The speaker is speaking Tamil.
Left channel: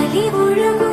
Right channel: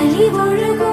ஒளி ஒழுகும்.